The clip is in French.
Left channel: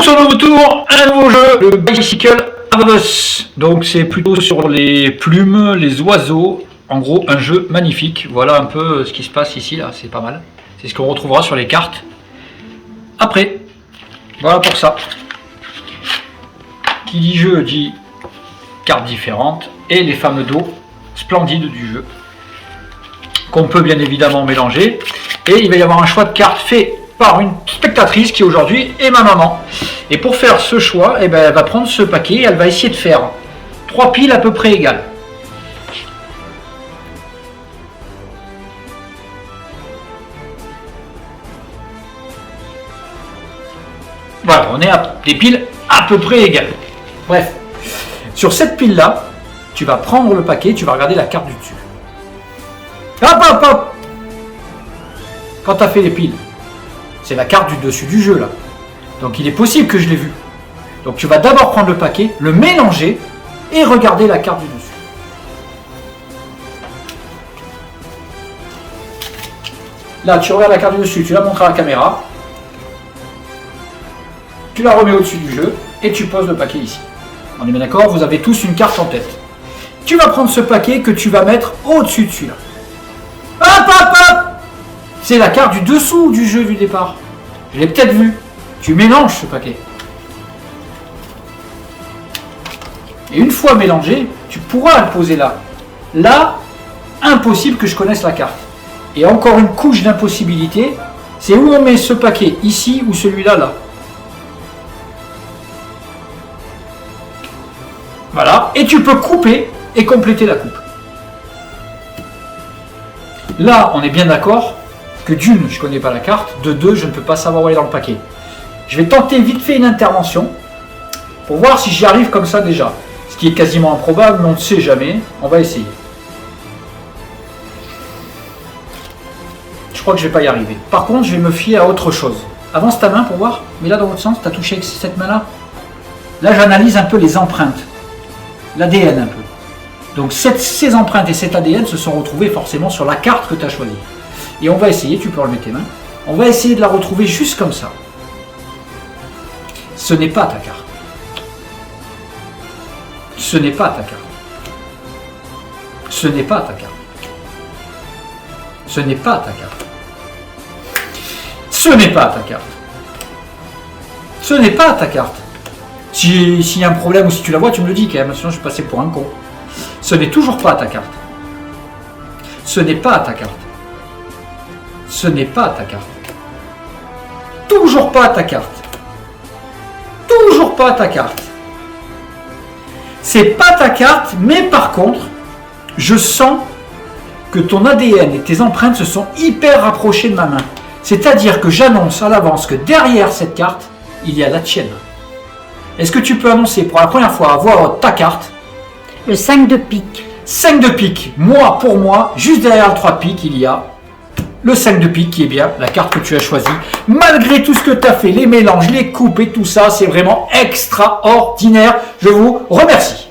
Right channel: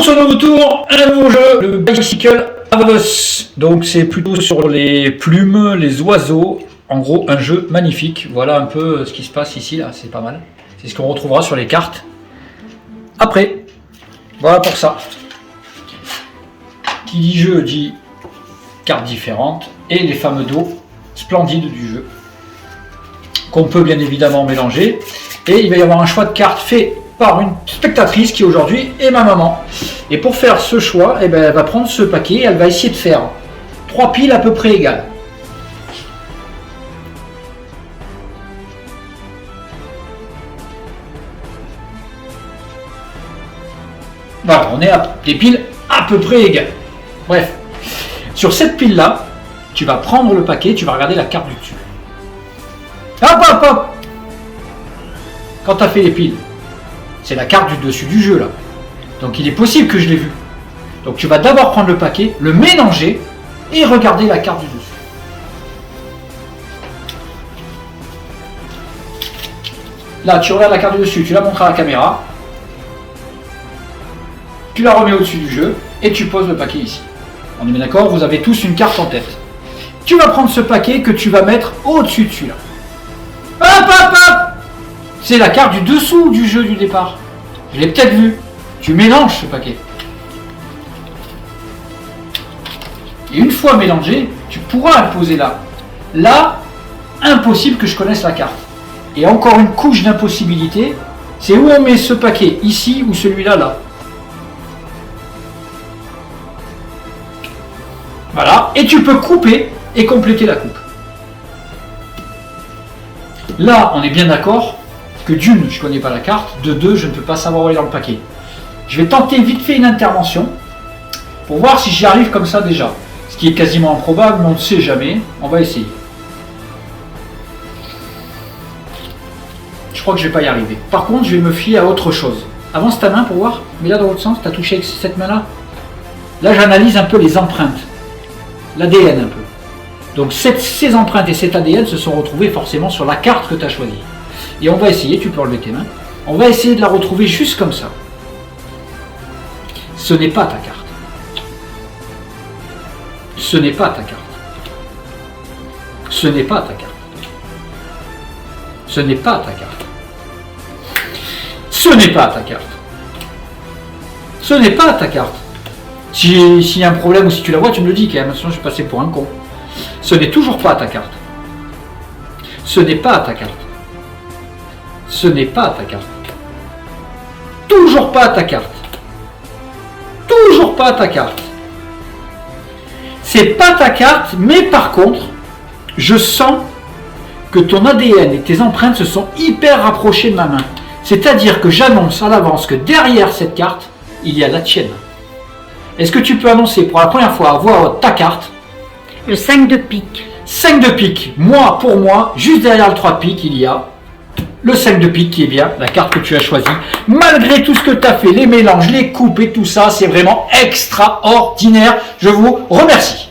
Pour ce nouveau tour, un nouveau jeu, le Bicycle Avos. Donc c'est plutôt sur les plumes, les oiseaux. En gros, un jeu magnifique. Voilà un peu ce qui se passe ici, là, c'est pas mal. C'est ce qu'on retrouvera sur les cartes après. Voilà pour ça. Qui dit jeu dit cartes différentes et les fameux dos splendides du jeu qu'on peut bien évidemment mélanger. Et il va y avoir un choix de cartes fait par une spectatrice qui aujourd'hui est ma maman. Et pour faire ce choix, eh ben, elle va prendre ce paquet et elle va essayer de faire 3 piles à peu près égales. Voilà, on est à des piles à peu près égales. Bref, sur cette pile-là, tu vas prendre le paquet, tu vas regarder la carte du dessus. Hop, hop, hop! Quand tu as fait les piles, c'est la carte du dessus du jeu, là. Donc il est possible que je l'ai vu. Donc tu vas d'abord prendre le paquet, le mélanger et regarder la carte du dessus. Là, tu regardes la carte du dessus, tu la montres à la caméra. Tu la remets au-dessus du jeu et tu poses le paquet ici. On est bien d'accord, vous avez tous une carte en tête. Tu vas prendre ce paquet que tu vas mettre au-dessus de celui-là. Hop, hop, hop! C'est la carte du dessous du jeu du départ. Je l'ai peut-être vu. Tu mélanges ce paquet. Et une fois mélangé, tu pourras le poser là. Là, impossible que je connaisse la carte. Et encore une couche d'impossibilité, c'est où on met ce paquet, ici ou celui-là, là. Voilà, et tu peux couper et compléter la coupe. Là, on est bien d'accord que d'une, je ne connais pas la carte, de deux, je ne peux pas savoir où elle est dans le paquet. Je vais tenter vite fait une intervention pour voir si j'y arrive comme ça déjà. Ce qui est quasiment improbable, mais on ne sait jamais. On va essayer. Je crois que je ne vais pas y arriver. Par contre, je vais me fier à autre chose. Avance ta main pour voir. Mais là, dans l'autre sens, tu as touché avec cette main-là. Là, j'analyse un peu les empreintes. L'ADN un peu. Donc ces empreintes et cet ADN se sont retrouvés forcément sur la carte que tu as choisie. Et on va essayer, tu peux enlever tes mains, on va essayer de la retrouver juste comme ça. Ce n'est pas ta carte. Ce n'est pas ta carte. Ce n'est pas ta carte. Ce n'est pas ta carte. Ce n'est pas ta carte. Ce n'est pas ta carte. S'il y a un problème ou si tu la vois, tu me le dis quand même, sinon je vais passer pour un con. Ce n'est toujours pas ta carte. Ce n'est pas ta carte. Ce n'est pas ta carte. Toujours pas ta carte. Toujours pas ta carte. C'est pas ta carte, mais par contre, je sens que ton ADN et tes empreintes se sont hyper rapprochées de ma main. C'est-à-dire que j'annonce à l'avance que derrière cette carte, il y a la tienne. Est-ce que tu peux annoncer pour la première fois à voix haute ta carte? Le 5 de pique. 5 de pique. Moi, pour moi, juste derrière le 3 de pique, il y a le 5 de pique qui est bien, la carte que tu as choisie. Malgré tout ce que tu as fait, les mélanges, les coupes et tout ça, c'est vraiment extraordinaire. Je vous remercie.